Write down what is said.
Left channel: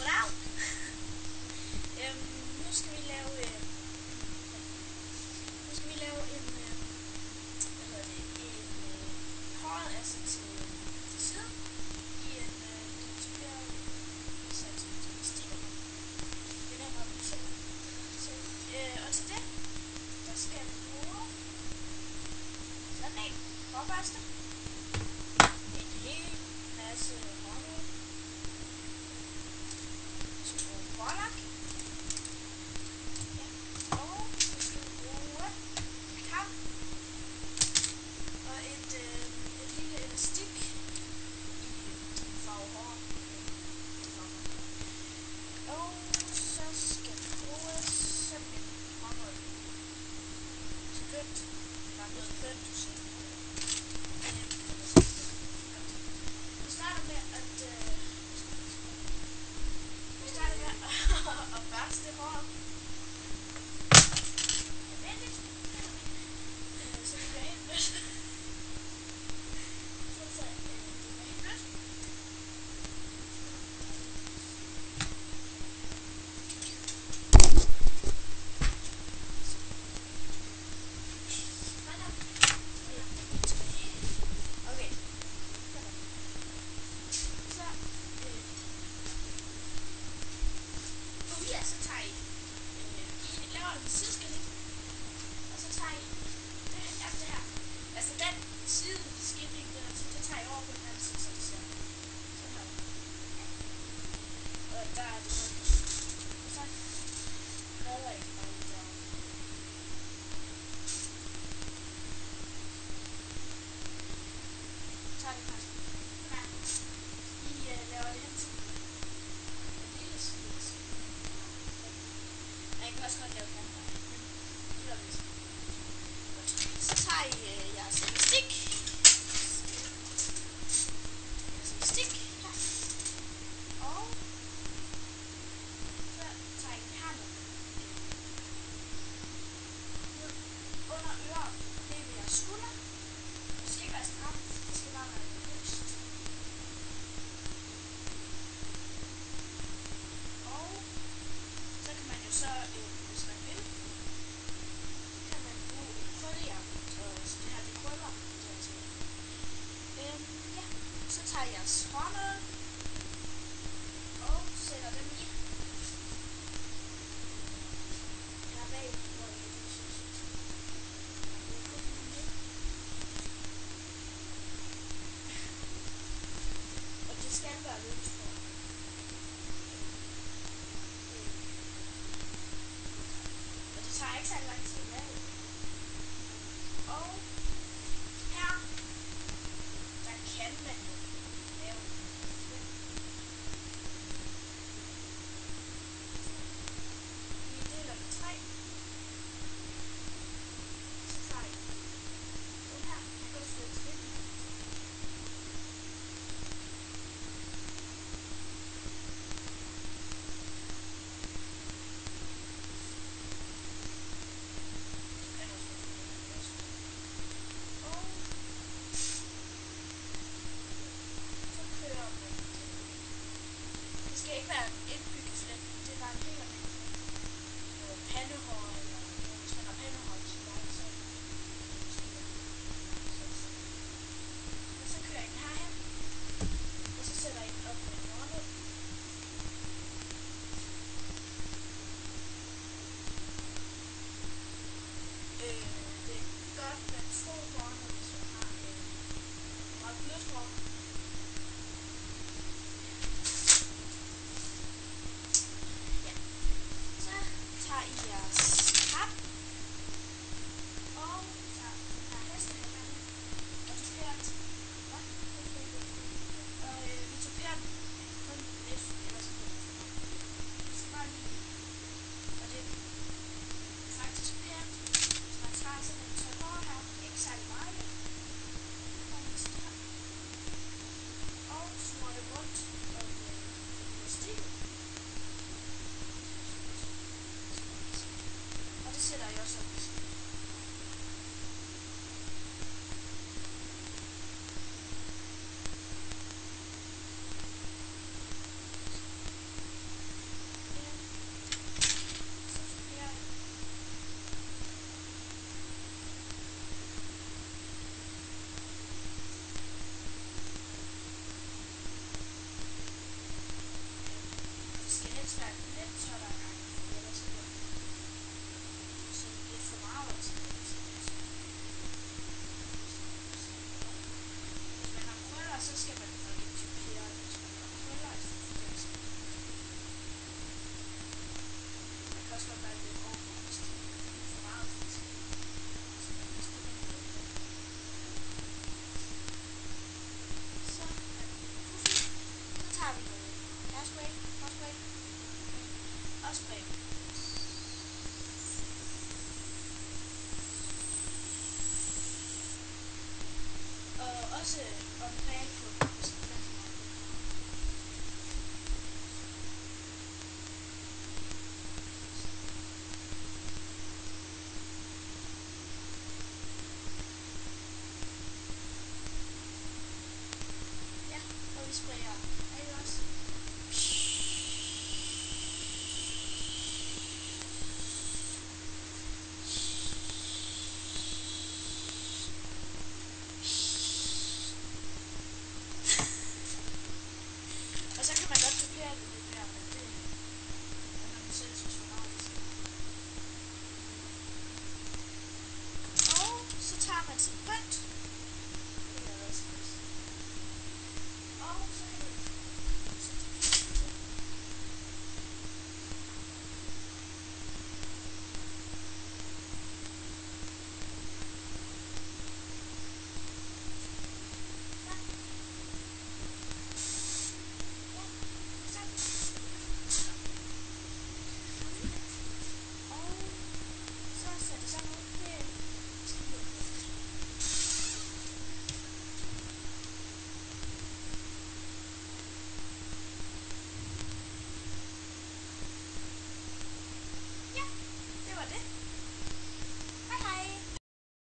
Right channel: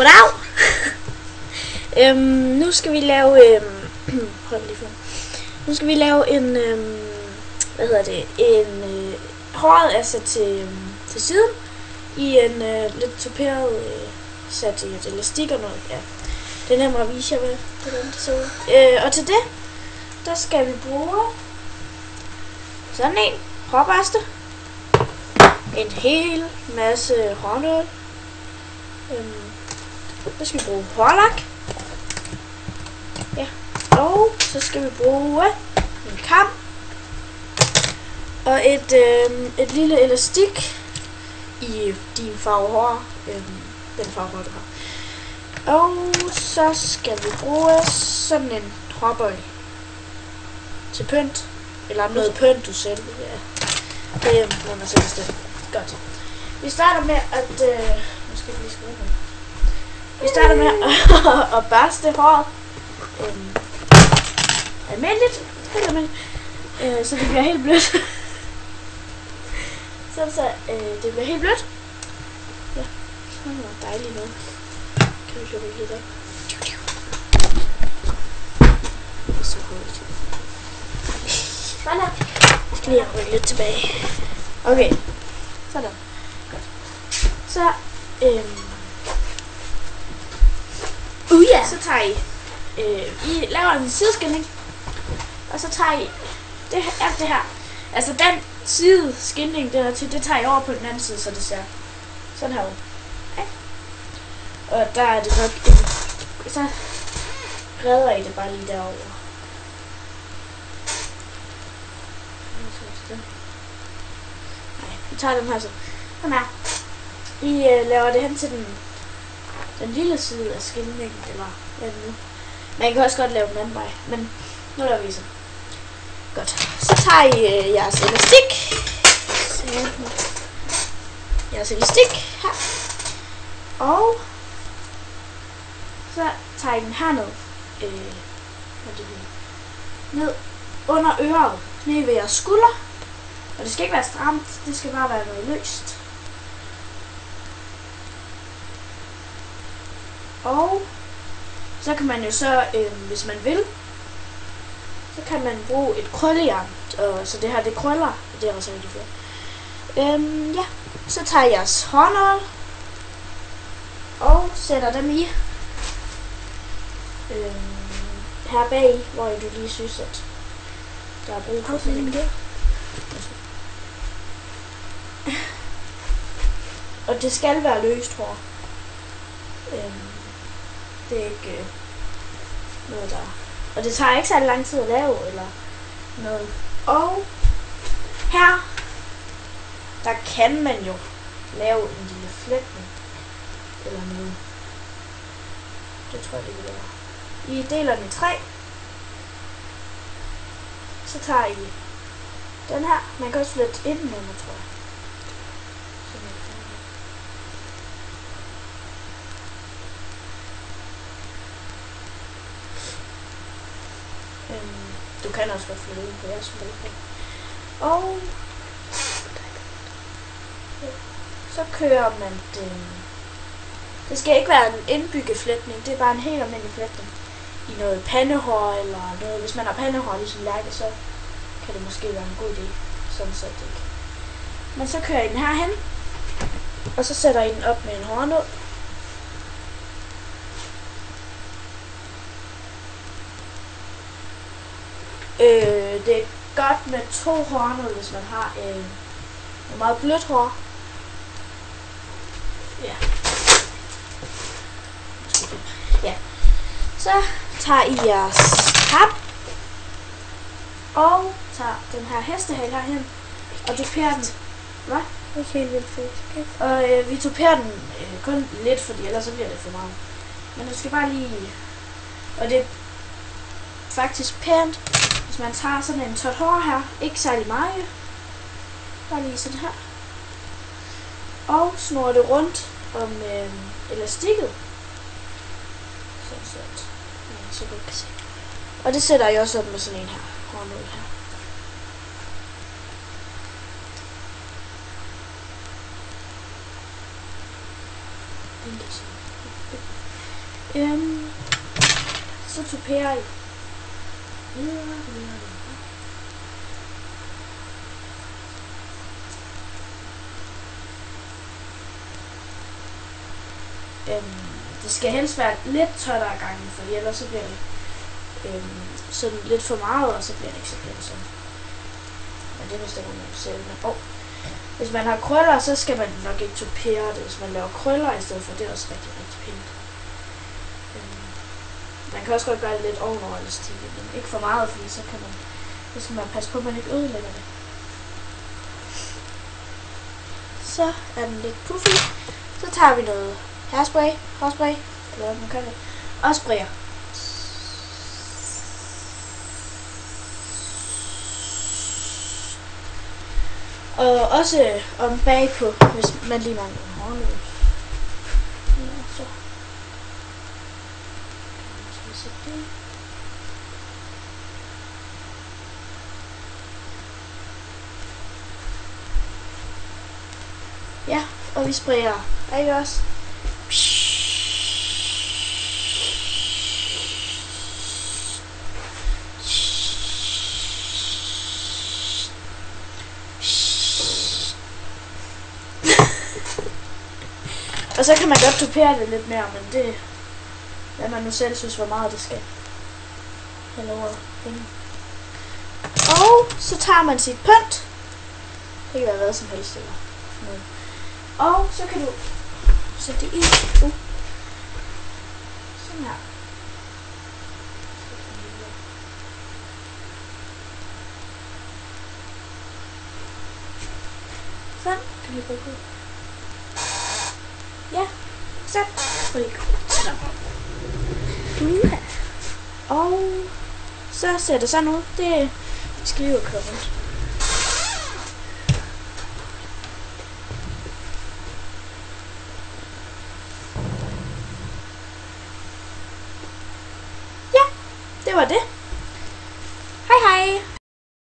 Goddag! Nu skal vi lave hold lige for. Nu skal vi lave en håret er sat til siden i en lidt tuperet sat i et elastik og noget. Ja. Det er nemmere at vise jer, hvordan det ser ud. Og til det, der skal vi bruge sådan en hårbørste, en hel masse hårnål. Så skal vi bruge hårlak. Ja. Og så skal vi bruge en kam og et lille elastik i din farve hår, den farve hår du har. Og så skal vi bruge sådan en hårbøj til pynt, eller noget pynt du selv. Ja. Det må man selv bestemme. Godt. Vi starter med at at børste håret almindeligt, så det bliver helt blødt. så det bliver helt blødt. Ja, det var dejligt noget. Kan vi få det lidt op? Det er så hurtigt. Sådan. Jeg skal lige rykke lidt tilbage. Okay. Sådan. Godt. Så så tager I laver en sideskilning, og så tager I alt det her. Altså den sideskilning der til, det tager I over på den anden side, så det ser sådan her ud. Okay. Og der er det nok så redder I det bare lige derovre. Nej, vi tager den her så. Sådan her. I laver det hen til den lille side af skilningen, eller hvad det nu. Man kan også godt lave den anden vej, men nu laver vi så. Godt. Så tager I jeres elastik. Her. Og så tager I den herned. Ned under øret. Ned ved jeres skulder. Og det skal ikke være stramt, det skal bare være noget løst. Og så kan man jo så, hvis man vil, så kan man bruge et krøllejern, så det her det krøller, det er også rigtig fedt. Ja, så tager jeg jeres hårnål og sætter dem i her bag, hvor du lige synes, at der er brug for det der. Og det skal være løst hår. Det er ikke noget der. Og det tager ikke så lang tid at lave eller noget. Og her, der kan man jo lave en lille flætning eller noget. Det tror jeg det vil være. I deler den i 3. Så tager I den her. Man kan også flette ind med den, tror jeg. Du kan også godt flytte ind på jeres spil. Og så kører man den. Det skal ikke være en indbygget flætning, det er bare en helt almindelig flætning. I noget pandehår eller noget. Hvis man har pandehår ligesom Lærke, så kan det måske være en god idé. Sådan set ikke. Men så kører I den herhen, og så sætter I den op med en hårnål. Det er godt med 2 hårnål, hvis man har en meget blødt hår. Ja. Ja. Så tager I jeres pap og tager den her hestehale herhen og duperer den. Hvad? Ikke helt vildt fedt. Og vi duperer den kun lidt, fordi ellers så bliver det for meget. Men du skal bare lige. Og det er faktisk pænt. Hvis man tager sådan en tot hår her, ikke særlig meget, bare lige sådan her, og snurrer det rundt om elastikket, så du kan se. Og det sætter jeg også op med sådan en her, hårnål her. Så tuperer I. Det skal helst være lidt tørt ad gangen, for ellers så bliver det sådan lidt for meget, og så bliver det ikke så pænt sådan. Men det bestemmer man jo selv. Men, hvis man har krøller, så skal man nok ikke tupere det. Hvis man laver krøller i stedet for, det er også rigtig, rigtig pænt. Man kan også godt gøre det lidt ovenover elastik, men ikke for meget, fordi så skal man passe på, at man ikke ødelægger det. Så er den lidt puffy. Så tager vi noget hairspray, hårspray, eller hvad man kalder det, og sprayer. Og også om bagpå, hvis man lige mangler en hårløs. Ja, så. Ja, og vi sprayer. Ikke også? Og så kan man godt tupere det lidt mere, men det hvad man nu selv synes, hvor meget det skal have lov at hænge. Og så tager man sit pynt. Det kan være hvad som helst eller noget. Og så kan du sætte det i. Sådan her. Sådan. Kan vi bruge det? Ja. Så. Og så ser det sådan ud. Det skal vi jo køre rundt. Ja, det var det.